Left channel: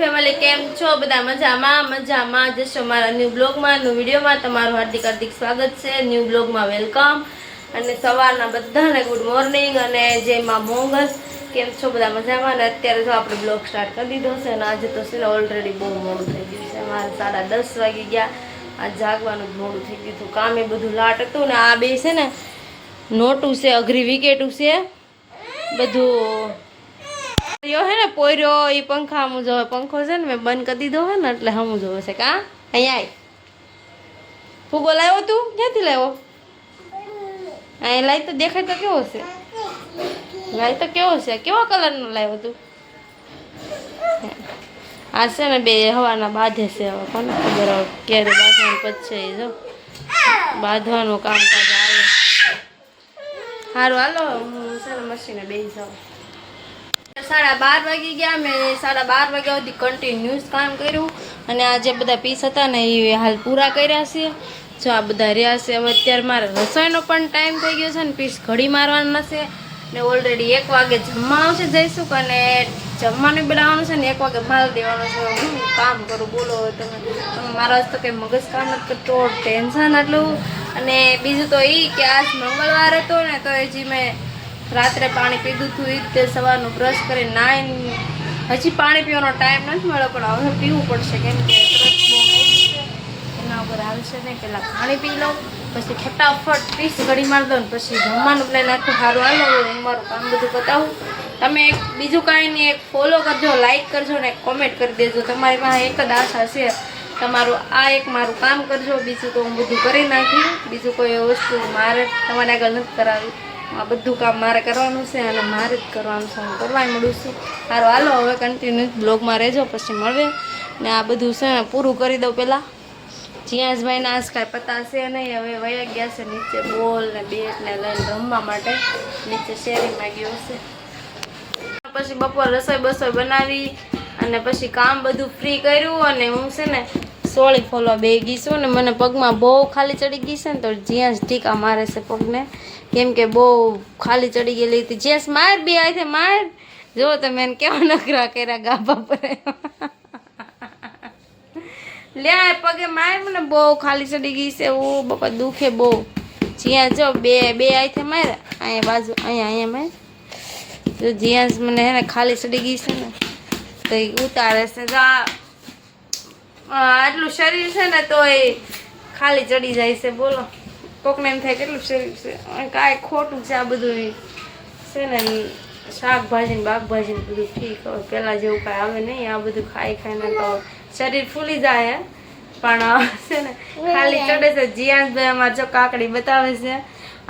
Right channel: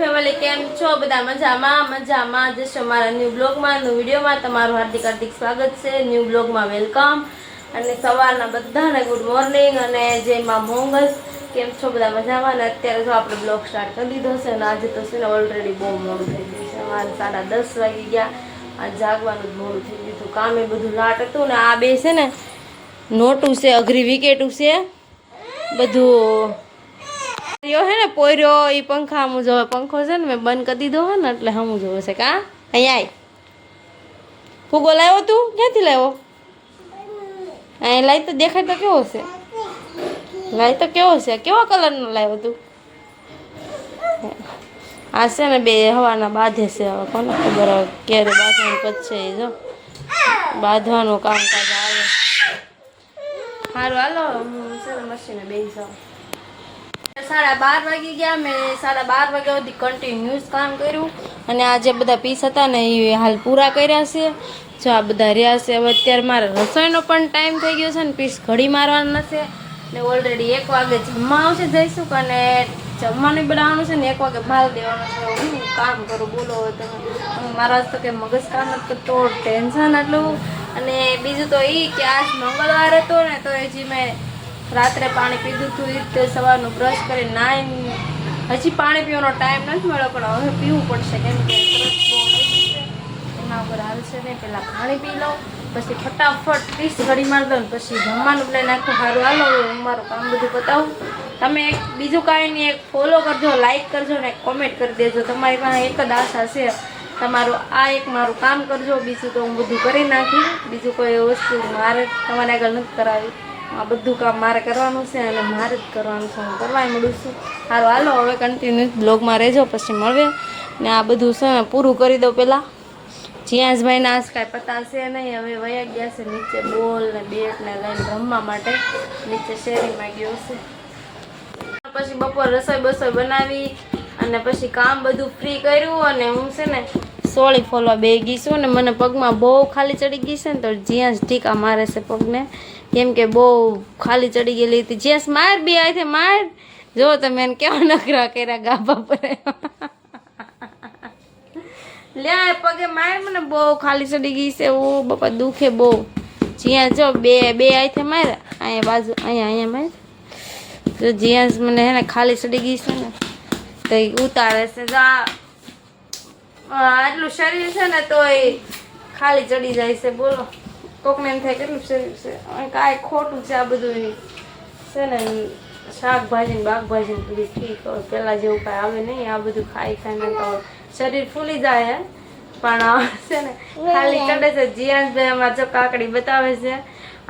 Family કેમ છો બધા મજામાં જશો મારા ન્યૂ બ્લોગમાં ન્યૂ વિડીયોમાં તમારું હાર્દિક સ્વાગત છે ન્યૂ બ્લોગમાં વેલકમ અને સવારના બધાને ગુડ મોર્નિંગ અને જય માં મોંગલ કેમ છો બધા મજામાં અને અત્યારે જો આપણે બ્લોગ સ્ટાર્ટ કરી દીધો છે અને આજે તો છે ને ઓલરેડી બહુ મોડું થઈ ગયું છે મારે 10:30 વાગી ગયા આ જાગવાનું જ મોડું થઈ ગયું હતું કામે બધું લાટ હતું ને આ બે છે ને નોટું છે અઘરી વિકેટું છે બધું યો હે ને પોર્યો ઈ પંખા હમું જોવે પંખો છે ને મેં બંધ કરી દીધો હે ને એટલે હમું જોવે છે કા અહીંયા ફૂગો લાવ્યો તું ક્યાંથી લાવ્યો અહીં લાઈ તો દેખાય તો કેવો છે લાઈ તો કેવો છે કેવો કલરનો લાવ્યો તું આ છે ને બે હવાના બાંધે છે હવે કોને ખબર હવે ક્યારે બાંધવાનું પતશે એ જો બાંધવાનું કામકાજ આવે સારું હાલો હું છે ને મશીને બેસી જાઉં 12:30 વાગી ગયા મેં 12:30 વાગ્યા સુધી કન્ટિન્યુઅસ કામ કર્યું અને આ જે બધા પીસ હતા ને એ હાલ પૂરા કર્યા છે જો આ બધા રહ્યા છે હવે અત્યારે મારે રસોઈનો પણ ટાઈમ થઈ ગયો છે ને પીસ ઘડી મારવાનું હશે ને ઓલરેડી 1 વાગે જમવા આવશે જઈશું અને જમવાનું બનાવવાનું છે ને 1 વાગે માલ દેવાનો છે હું કામ કરું બોલો તમે મારા તો કંઈ મગજ કામ નથી કરતો ટેન્શન આટલું અને બીજું તો એ કે આજ મંગળવાર હતો ને તો હજી મેં રાત્રે પાણી પીધું હતું એ રીતે સવારનું બ્રશ કરી નાઈને હજી પાણી પીવાનો ટાઈમ નથી મળ્યો પણ હવે પીવું પડશે કેમ કે તરસ બહુ નહીં છે એના ઉપર હાલશે નહીં પહેલાં પાણી પી લઉં પછી ફટાફટ પીસ ઘડી મારી દઉં ને પછી જમવાનું પ્લાન આખું સારું હાલો હું મારું કામ બધું બતાવું તમે એક બીજું કાંઈ નહીં એક ફોલો કરજો લાઈક કરજો ને એક કોમેન્ટ કરી દેજો તમારી પાસે એક જ આશા છે તમારું આ એક મારું કામ કરજો બીજું તો હું બધું કરી નાખી બીજું કોઈ વસ્તુ મારે તમારે આગળ નથી કરાવી આ બધું કામ મારે કરવાનું છે અને મારે જ કરવાનું છે હું કરવાય મળું છું સારું હાલો હવે કન્ટિન્યુ બ્લોગમાં રહેજો પછી મળવે ને આ બધું છે ને પૂરું કરી દઉં પહેલાં જીયાસભાઈને આજ કાંઈ પતા છે નહીં હવે વયા ગયા છે નીચે બોલ ને બેટ ને લઈને રમવા માટે નીચે શેરીમાં ગયો છે પછી બપોર રસોઈ બસોઈ બનાવી અને પછી કામ બધું ફ્રી કર્યું અને હું છે ને સોળી ફોલવા બે ગઈ છું ને મને પગમાં બહુ ખાલી ચડી ગઈ છે ને તો જીયાસ ટીકા મારે છે પગને કેમ કે બહુ ખાલી ચડી ગયેલી હતી જેસ માર બી આવી છે માર જો તમે એને કેવા નખરા કર્યા ગાભા પર લે પગે માર મને બહુ ખાલી ચડી ગઈ છે ઓ બાપા દુખે બહુ જ્યાં જો બે આવી છે મારે અહીંયા બાજુ અહીંયા માર જો જ્યાં મને હે ને ખાલી ચડી ગઈ છે ને તો એ ઉતારે છે આટલું શરીર છે ને તો એ ખાલી ચડી જાય છે બોલો કોકને એમ થાય કેટલું શરીર છે કાંઈ ખોટું છે આ બધું છે ને શાકભાજી ને બાકભાજી ને બધું ઠીક હોય પહેલાં જેવું કાંઈ આવે નહીં આ બધું ખાઈને તો શરીર ફૂલી જાય પણ છે ને ખાલી ચડે છે જીયાનભાઈ અમારે જો કાકડી બતાવે છે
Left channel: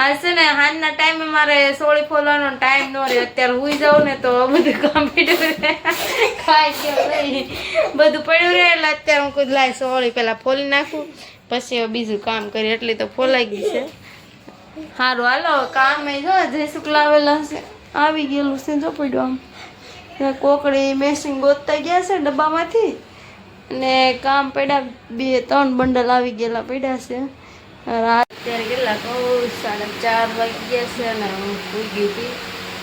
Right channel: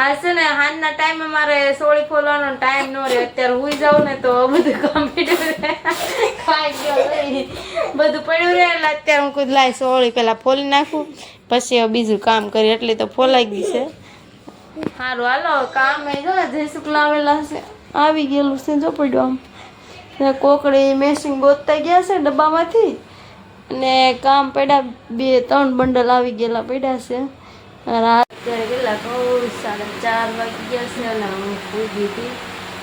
આ છે ને હાજના ટાઈમે મારે સોળી ફોલવાનો ટાઈમ ન રહે અત્યારે હુઈ જાઉં ને તો બધું કામ પડ્યું રહે ખાઈ ગયો બધું પડ્યું રહે એટલે અત્યારે હું કોઈ લાય સોળી પહેલાં ફોલી નાખું પછી હવે બીજું કામ કરી એટલે તો ફોલાઈ ગઈ છે સારું હાલો કામ એ જો ને જયસુખ લાવેલા છે આવી ગયેલું છે જો પડ્યું આમ કોકડી મેસિંગ ગોતતા ગયા છે ડબ્બામાંથી અને કામ પડ્યા 2-3 બંડલ આવી ગયેલા પડ્યા છે અત્યારે કેટલા કહું 4:30 વાગી ગયા છે અને હું સૂઈ ગઈ હતી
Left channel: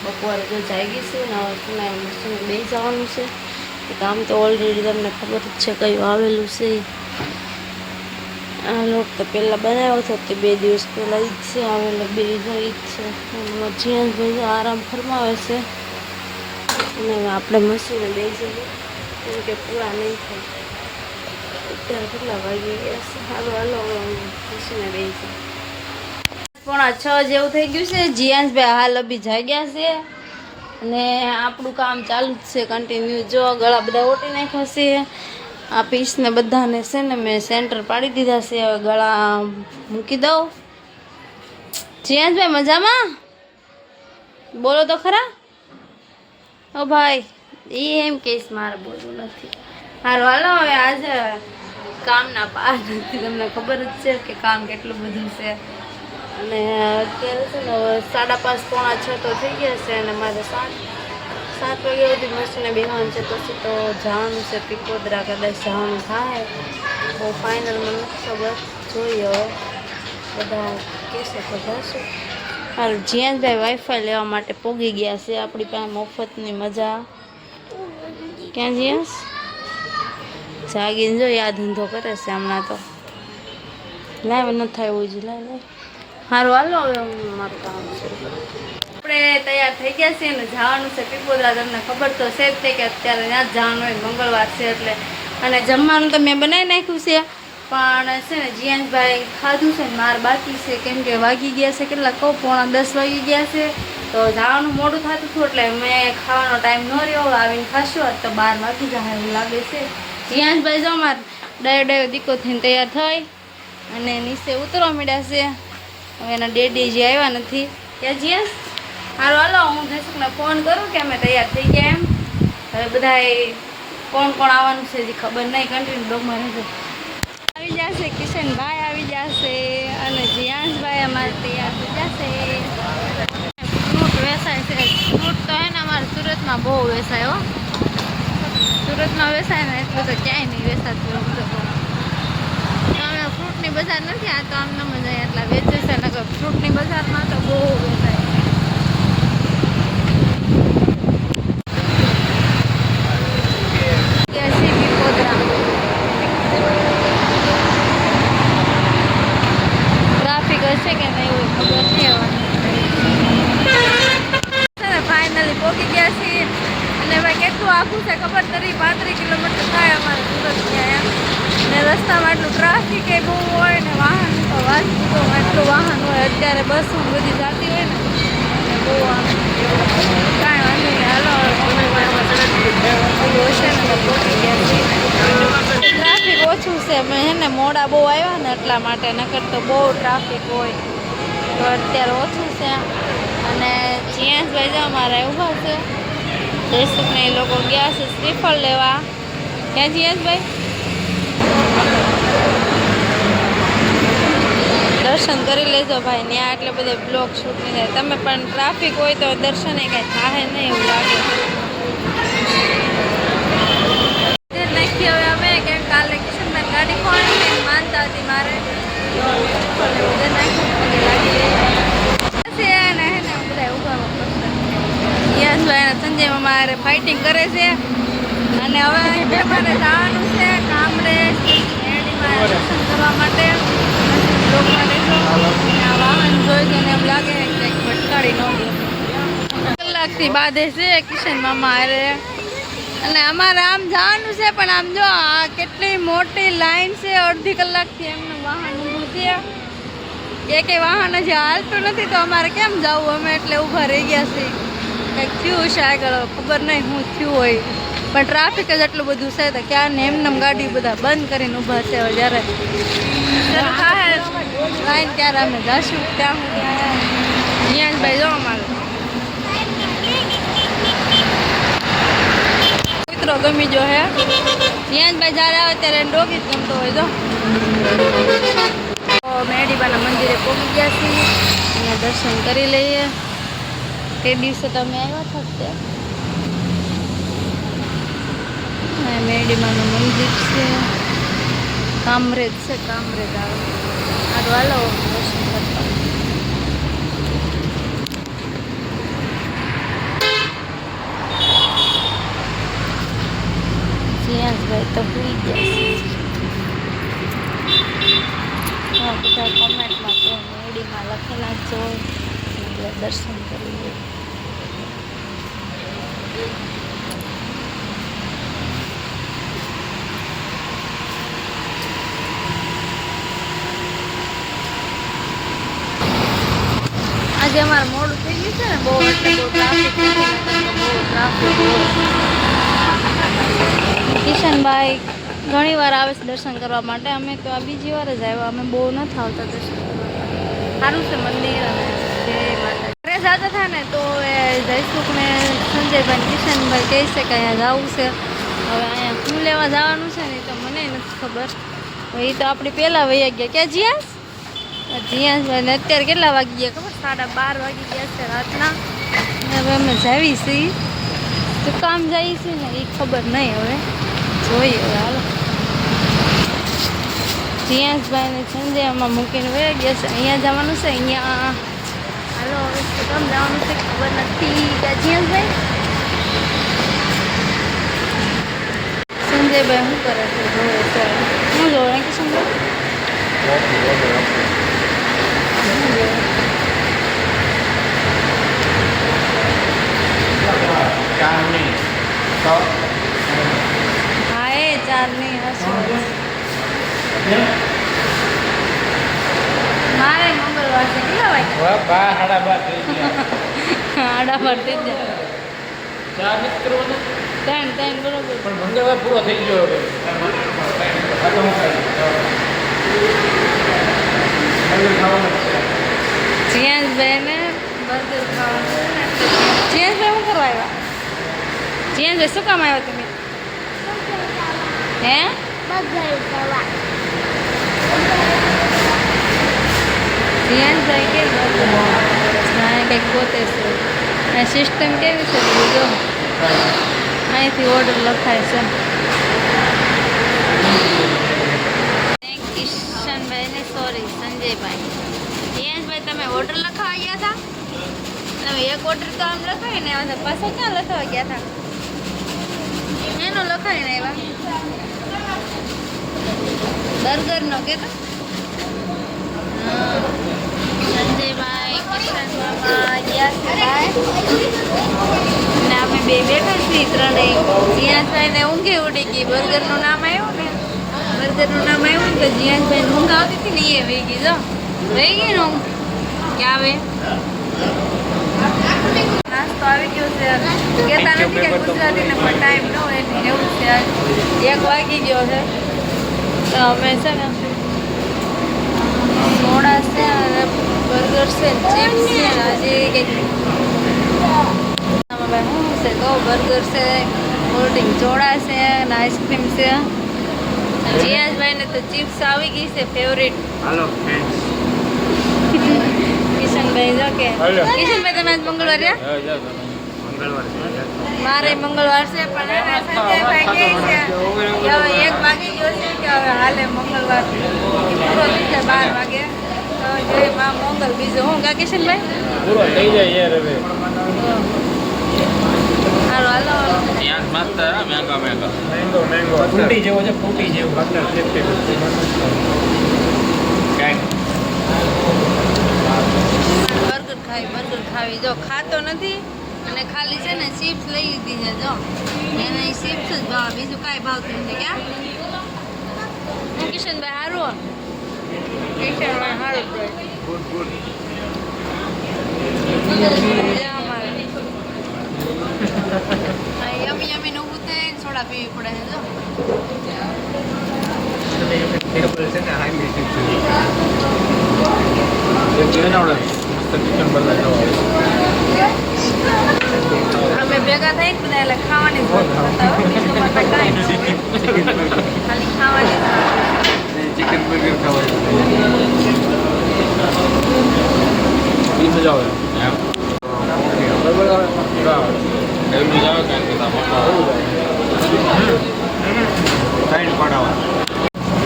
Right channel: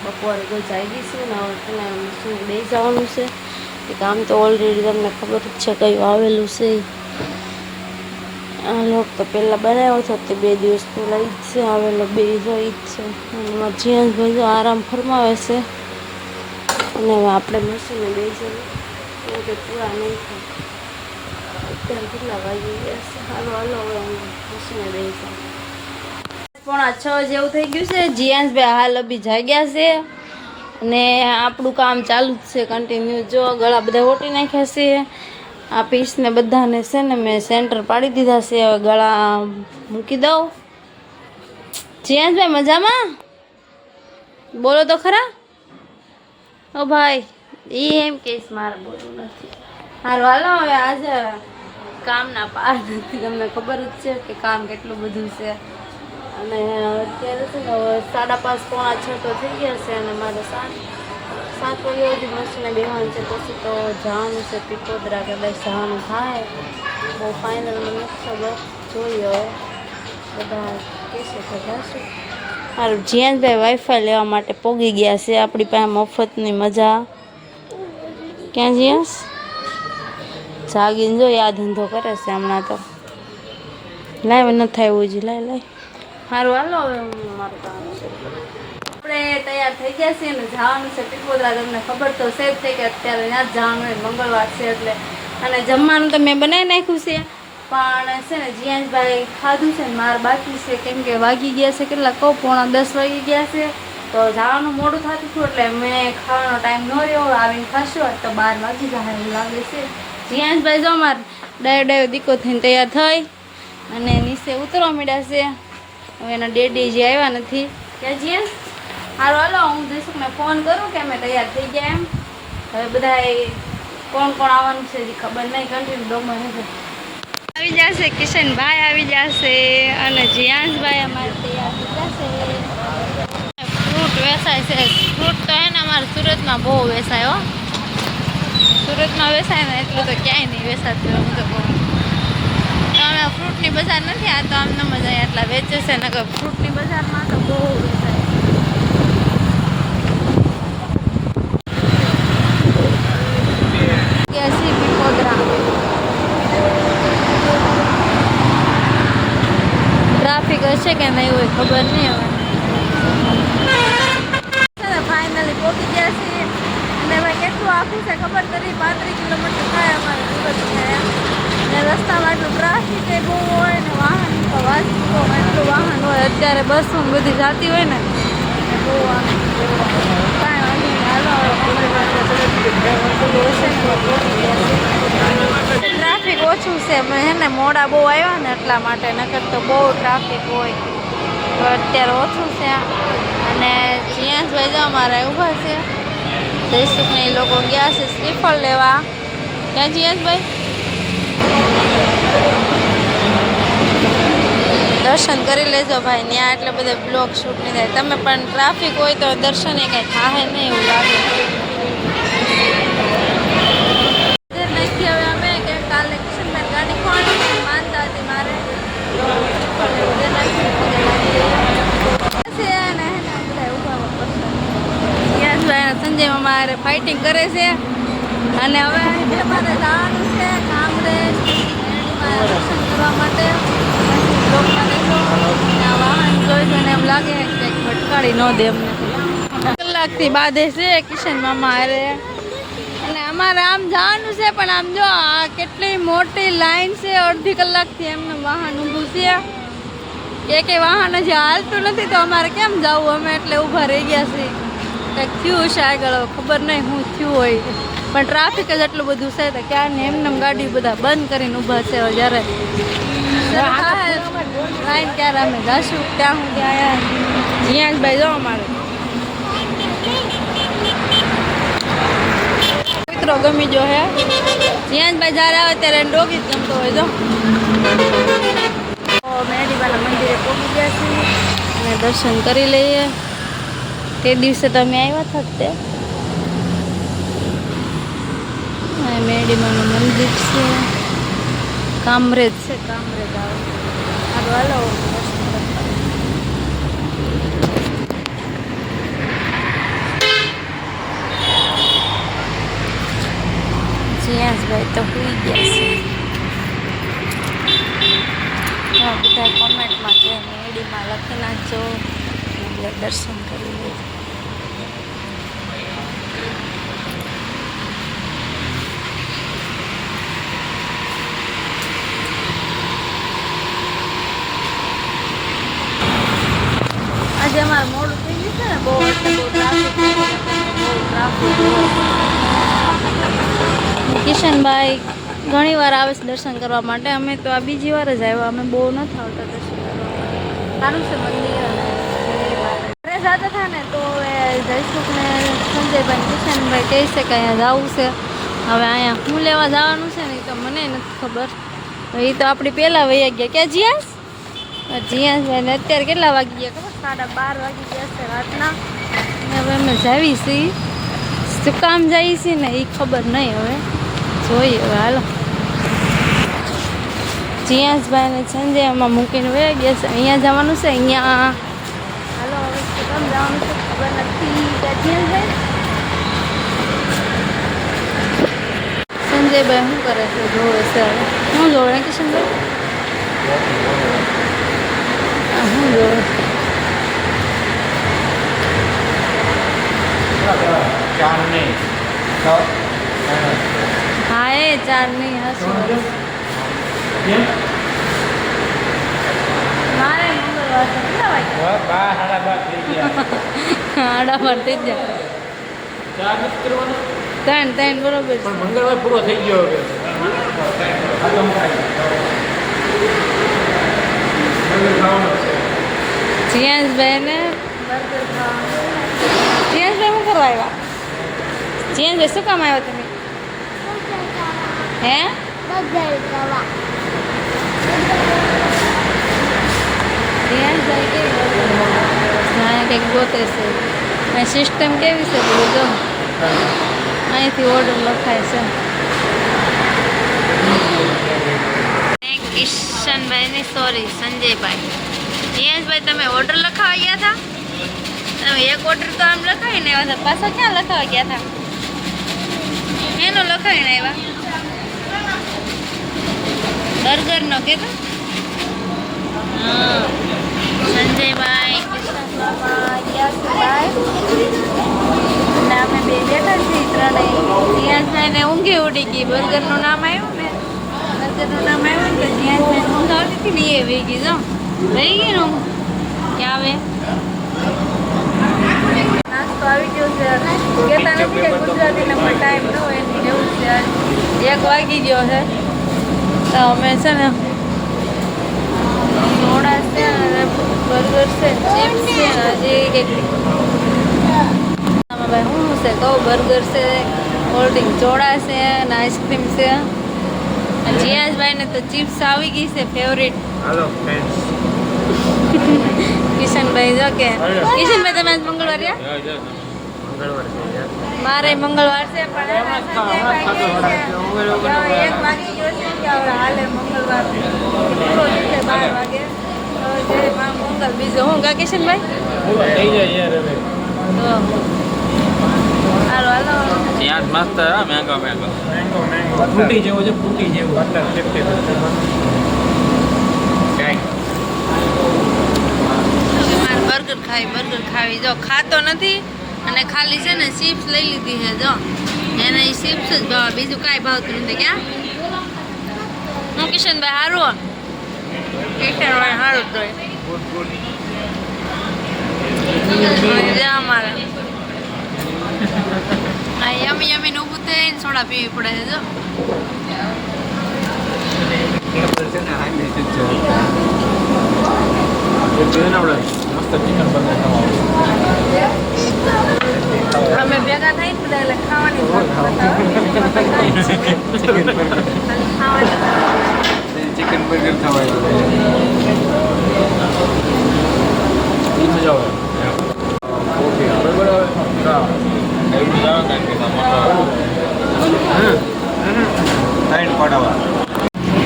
બપોરે તો જાગી છું ને હવે મશીને બેસી જવાનું છે કામ તો ઓલરેડી તમને ખબર જ છે કયું આવેલું છે આ લોટ તો પહેલાં બનાવ્યો હતો તે 2 દિવસ પહેલાં જ છે આવેલો 2 જાય જ છે એમાં જીયાસભાઈ આરામ ફરમાવે છે અને હવે આપણે મશીને બેસી જઈએ કેમ કે પૂરા નહીં થાય અત્યારે કેટલા વાગી ગયા છે હાલો હવે હું મશીને બેસી 5:45 જેવું થઈ ગયું છે જીયાસભાઈ હાલ અભી જાગ્યા છે અને આપણું કામ ચાલુ જ છે કન્ટિન્યુ જો ગળા બધા ઓટી નાખ્યા છે આ પીસને બધાને છે ને મેં સેન્ટર પાડી દીધા છે હવે ગળા મૂકી દઉં જીયાસભાઈ મજામાં બોલો તો ખરા ઓ ભાઈ એ એમ કહીશ મારે બોલવું નથી સારું હાલો હવે આજે કામના પાર નથી તમને ખબર જ છે કે કામ કેટલું બધું છે અને અત્યારે છે ને 5:30-5:45 તો થઈ ગયા છે અને મારે 7 વાગ્યા સુધી મશીને બેસવાનું છે પછી તો જવાનું છે પીકોદરા કદાચ જવાનું થાય બહુ ફાઇનલ મને નથી ખબર જોઈએ હવે બધા કહેશે તો જશું સારું જીયાનભાઈ વાઈફાઈ લેવા માટે પોગી ગયા છે આપણી પાસે મફતની મજા ક્યાં જીયાસ જાગીને જો આ ધંધો કરે છે હમણાં તો. લાવ ન થાય એવું જ લાય સારું હાલો હવે હું મારું કામ શરૂ કરું. આપણે તૈયાર થઈ ગયા છીએ ને જવાનું છે પીપોદરા. તમને ખબર તો છે જ છે કે અત્યારે ત્યાં જ જવાનું હોય, મંગળવાર છે એટલે. અને જમવાનું તો મેં બનાવી નાખ્યું છે પણ છે ને જીયાંશભાઈ ખાધું છે ને મારે બાકી છે, કેમ કે વાગી ગયા છે કેટલા કહું 9:45 વાગી ગયા છે. તો જવાનું મોડું થતું હતું એટલે મેં ખાવાનો ટાઈમ ન રહ્યો. આવીને ખાશું તો 12 વાગી જાય એવું લાગે છે. જીયાંશભાઈ જો મારે ડાયો દીકો થઈને તૈયાર થઈ અને નીચે ઉતરવા માંડ્યા છે. હવે એના ડેડી જે આવ્યા નથી કે જીયાંશ હારું હાલો હું જયસુખને ફોન કરું કે અમે તૈયાર થઈ ગયા એમ. હવે બધા કોણ કોણ આવવાનું છે હજી ખબર નહીં, કન્ટિન્યુ ડોગમાં રહેશે. આવી જશે કિશનભાઈ આવી જશે અને જીયાંશભાઈ અમારે તૈયાર થઈ જશે. ફ્રૂટ વેચાય છે. ફ્રૂટ તો હે ને અમારે સુરતમાં બહુ વેચાય હો. સુરતમાં વેચાય ને એટલું તો ક્યાંય નહીં વેચાતું. એમ તો બહુ અમે ફ્રૂટની બજાર નથી, આ તો આમ ન મજા એટલા વેચે છે ને. ફ્રૂટની બજારમાં તો બહુ વેચાય. ટ્રાફિક હશે કે નહીં હોય ખબર નહીં. હવે ફાઇનલી પહોંચી ગયા છીએ અને ભાઈ કેટલું આખું છે ખબર કરી 35 કિલોમીટર થાય અમારે સુરત ગયા. ને રસ્તામાં એટલું ટ્રાફિક એ બહુ હોય ને વાહન તો વાંચતું એટલું વાહન હોય. અત્યારે બસો બધી જતી હોય ને બહુ આમ કાંઈ વાંધો નહીં. હાલો ઓલું હશે ને તો પહોંચી ગયા છીએ. ટ્રાફિક ઓછું છે. મેં હે ને મોડા બહુ આવ્યા ને એટલા માટે, નકર તો બહુ ટ્રાફિક હોય. તો અત્યારે ઓછું છે. અને જીયાંશભાઈ જો અમારા ઊભા છે. જયસુખને એ લોકો ગયા છે શ્રીફળ લેવા. ક્યાં જીયાંશભાઈ? દર્શન કરી લેજો ભાઈ. ત્યાં એટલે બધા બ્લોગ શૂટ નહીં થાય. તમે પણ ટ્રાફિક હોય તો દર્શન એ કાંઈ થાય નહીં એવું લાગે. નાખી હવે અમે કે કાલે કિશનભાઈ ગાડી ખોવાની માનતા હતી મારે તો ઉધર નાખી પગે લાગી લઈએ ને હે ને બધા ઉભા પસંદ. સંજયમાં મારે ફાઇટિંગ કરે છે અને હવે મારે જવાનું છે કામરેજ મેરડીમાં દર્શન કરવા માટે. બ્લોકમાં રહેજો. આ વાહન જોઈ જોઈને એમ લાગે કે ભટકાડી ન દે. કલાકથી બાંધે છે કિશન મામા હારે. અને અમારે આમ જવાનું છે પણ આમ જો આ કેટલી મોટી લાઈન છે. અડધી કલાકથી એમને વાહન ઊભું છે. કે વાહન હજી હાલતું નથી તો અમારે કેમ જવું? અમે એટલે ઊભા રહી ગયા છીએ. કંઈક થયું છે આગળ, ખબર નહીં શું થયું હોય. પણ ટ્રાફિક જ એટલું બધું છે તો ક્યાં એમને ગાડી બધા બંધ કરીને ઊભા છે. જ્યારે શરૂ થાય લાઈન ત્યારે અમે જઈશું. ત્યાં હું જીયાંશભાઈ જો અમારે મિત્રો ગમી જો હે. જીયાંશભાઈ જ્યારે આવે ત્યારે એને ડોગી જ ગમતો હોય. જો મેરડીબાના મંદિરે પહોંચી ગયા છીએ અને દર્શન કરી લઈએ. તે દિવસે તમે આવ્યા હતા તે મેરડીબાનું મંદિર છે. કામરેજ છે. કામરેજ આવે સારું હાલો દર્શન કરતા. જીયાંશભાઈ તો સુઈ ગયા છે. બધા કોમેન્ટમાં કે મેરડીમાં લખી નાખજો એટલે દર્શન કરી લે. આજે અમારે મોડું થઈ ગયું છે ને બહુ, એટલે બહુ ટ્રાફિક બહુ ટ્રાફિક. કિશનભાઈ ઘણી વાર આવે છે દર્શન કરવા માટે. અમે તો આ બીજી વાર જ આવ્યા. અમે બહુ નથી આવતા દર્શન કરવા માટે. સારું છે મંદિર અને ઘરે જતા હતા ને તો જયસુખને સંજયભાઈ કિશનભાઈ કહે છે કે અહીંયા જવું છે. હવે અહીંયા શું લેવા જવાનું છે ને એ તો મને નથી ખબર. એ તો આપણી પહેલાં વહી ગયા. ક્યાં જીયાંશ? જીયાંશભાઈને અત્યારે કેટલા વાગી ગયા ખબર? 12:30 વાગી ગયા છે રાતના. હવે અમે જાવી છીએ. શું કામ જઈએ છીએ ને એ ખબર નહીં. હવે જોઈએ હવે હાલો. જીયાંશભાઈને સંજયમાં મૂકીને વહી ગયા છે. અહીંયા જવાનું છે. અહીંયા હાલો હવે શું કામ જવાનું છે ખબર નથી. કે જીયાંશભાઈ સંજયભાઈ શું કરે છે જોવે છે શું જોવે કિશનભાઈ શું જોવે હા એ 4 નહીં હશે મારે મંગળવાર છે કેટલા વાગે 8:30 થઈ જાય 3 બરોબર પણ મંગળવાર પૂરો થઈ ગયો હવે જીયાસભાઈ ને બર્ગર ખાવાનું જીયાસભાઈ શું કરવા આવ્યા જીયાસભાઈ શું કામ આવ્યા તમે હે જીયાસભાઈ કે કંઈક ગોતે છે આ સિસ્ટમ કેવી છે બધું જો અહીંથી ઓર્ડર લખાય છે કિશનભાઈ ને સોરી સંજયભાઈ જીયાસભાઈ તમે ઓર્ડર લખાવા ગયા હતા તમે એક ઓર્ડર તો આમ લખાવીને આવ્યા હતા પાછો ક્યાં લખાવા ગયા હતા એનો લખાવીને આવ્યા બર્ગરનો કહેતો હા સંજયભાઈ કિશન મામા યાસીભાઈ અને અમે બે બેઠા છીએ ત્રણેય જીયાસભાઈને ઊંઘી ઉડી ગઈ બર્ગરનું નામ આવ્યું ને બર્ગરનું નામ આવ્યું ને તો જીયાસભાઈને ઊંઘ આવતી ને એ વહી ગઈ જો વહી ગઈ ને ઊંઘ કે આવે નાસ્તો આવી ગયો છે કહેતા નથી કે ગુજરાતીને પણ ટાઈમ ન હોય એની એવું છે 1 વાગી ગયો છે તો અમે છે ને સોડા છે અને બર્ગર છે ચિપ્સ છે ને હજી કંઈક ભાઈ શું છે કહું બર્ગર છે કોલ્ડ ડ્રિંક ચોળા છે અને આઈસ્ક્રીમ છે જીયાસભાઈને તો ચિપ્સ આવી ગઈ છે ફેવરિટ હાલો ફ્રેન્ડ્સ કિશનભાઈ જો કે કિશનભાઈ તમે આજ મંગળવાર રહ્યા મંગળવાર છે મારે મંગળવાર છે પણ એના સંજયભાઈ કહે છે કે હવે 1 વાગી ગયો છે કે હવે હાલે મંગળવાર પૂરો થઈ જાય 12 વાગે તો જય માં મંગળ બીજો હું કા કિશનભાઈ પૂરો થઈ જાય યાર હવે હાલો હાલો હાલો યાર મસ્ત મેંગો ફૂટી જેવો છે ફૂટી જેવો અંદર મારે બર્ગર ખાવી જો ખાતો નથી અને ખાલી છે ને ચિપ્સ લઈ લીધી છે જો એને ચિપ્સ જ ભાવ બીજું કાંઈ ભાવતું નથી ક્યાં હું કિશનભાઈ સારું કિશનભાઈ સારું જ હોય અમારે આ યમી યમીને ઊભું થઈને સોડા પીવી પડે છે જો અમે ભેગા થઈ બધા એટલે ખાવાની ખાલી ખાવાની મજા આવે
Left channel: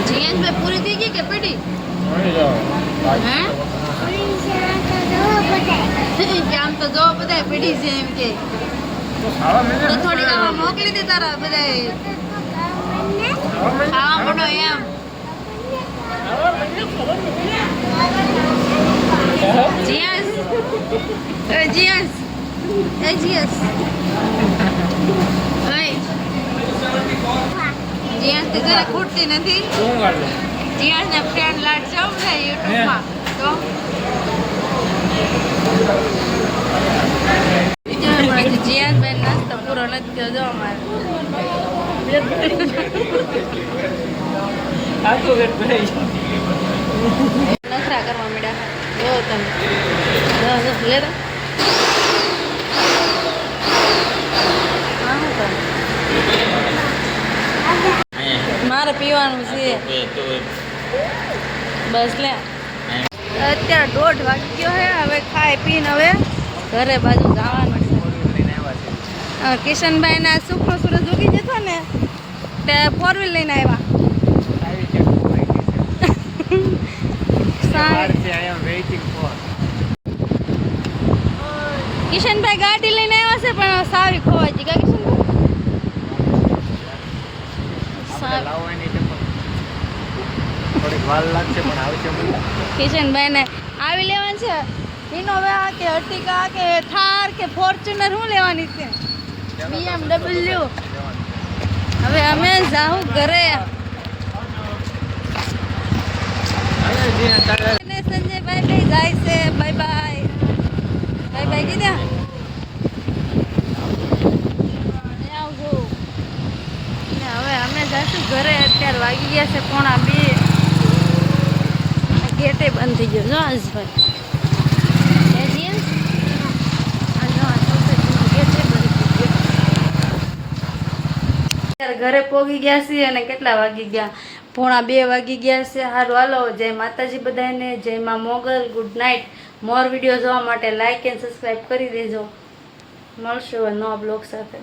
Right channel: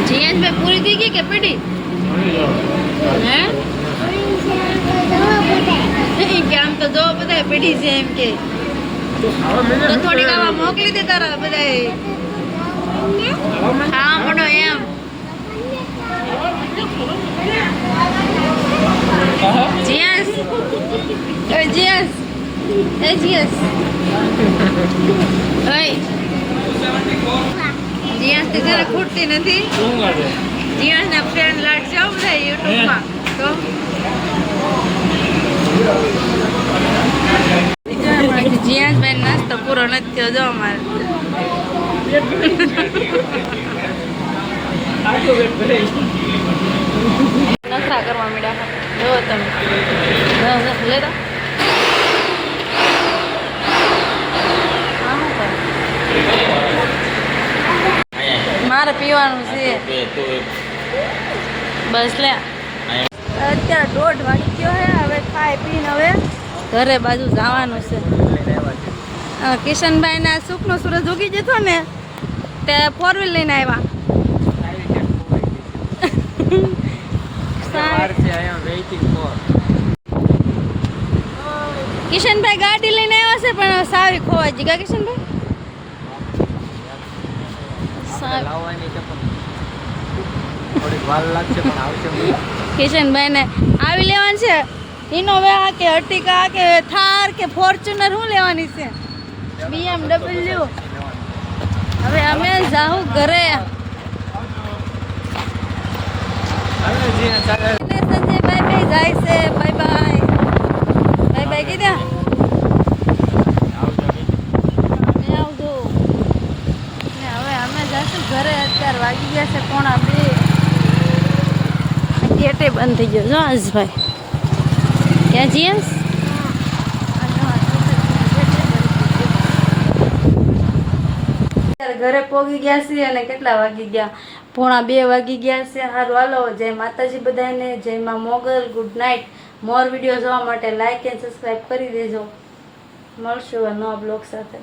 જીયાસભાઈ પૂરી થઈ ગઈ કે પડી હે કે આમ તો જો બધા પડી છે એમ કે તો થોડીક આવા મોકલી દે તારા બધા ખાવા પડો એમ જીયાસ જીયાસ જીયાસ જીયાસથી તને ખૂટતી નથી જીયાસના ફ્રેન્ડ લાડ જાવ બધા યુટ્યુબમાં તો જીયાસભાઈ નાસ્તો પૂરો નથી થયો જો અમારે નખરા કરવા માંડ્યા જો તમે લે તો મારે પીવાનું છે બસ લે અત્યારે 1:30 વાગી ગયો છે હવે ખાઈ પીને હવે ઘરે બાજુ જવાનું છે કિશનભાઈ ના સુખનો સૂરજ ઉગી જતો ને તે 4 વ્હીલ લઈને આવ્યા કિશનભાઈ ગાડી લઈને આવ્યા છે પણ સાવી ખોવાઈ ગઈ કિશનભાઈ સારું. લાવવાની છે પણ થોડીક વાર લાગશે પણ આવશે બધા. કિશનભાઈને આવી લેવાની છે ઇનોવા કે અર્ટિકા કે થાર કે ફોર્ચ્યુનર શું લેવાની છે BMW. હવે અમે જાઉં ઘરે. સંજયભાઈ જાય છે. બાય બાય બાય બાય કીધા. આવજો. હવે અમે જઈશું ઘરે. અત્યારે વાગી ગયા છે 1:30. ગેટે બંધ થઈ ગયો જો આજભાઈ ક્યાં જઈએ અત્યારે ઘરે પોગી ગયા છીએ અને કેટલા વાગી ગયા 1:30 વાગી ગયા છે. સારું હાલો જય માતાજી બધાને. જય માં Mogal. Good night. More video જોવા માટે લાઈક એન્ડ સબસ્ક્રાઈબ કરી દેજો. મળશું નવા બ્લોગ સાથે.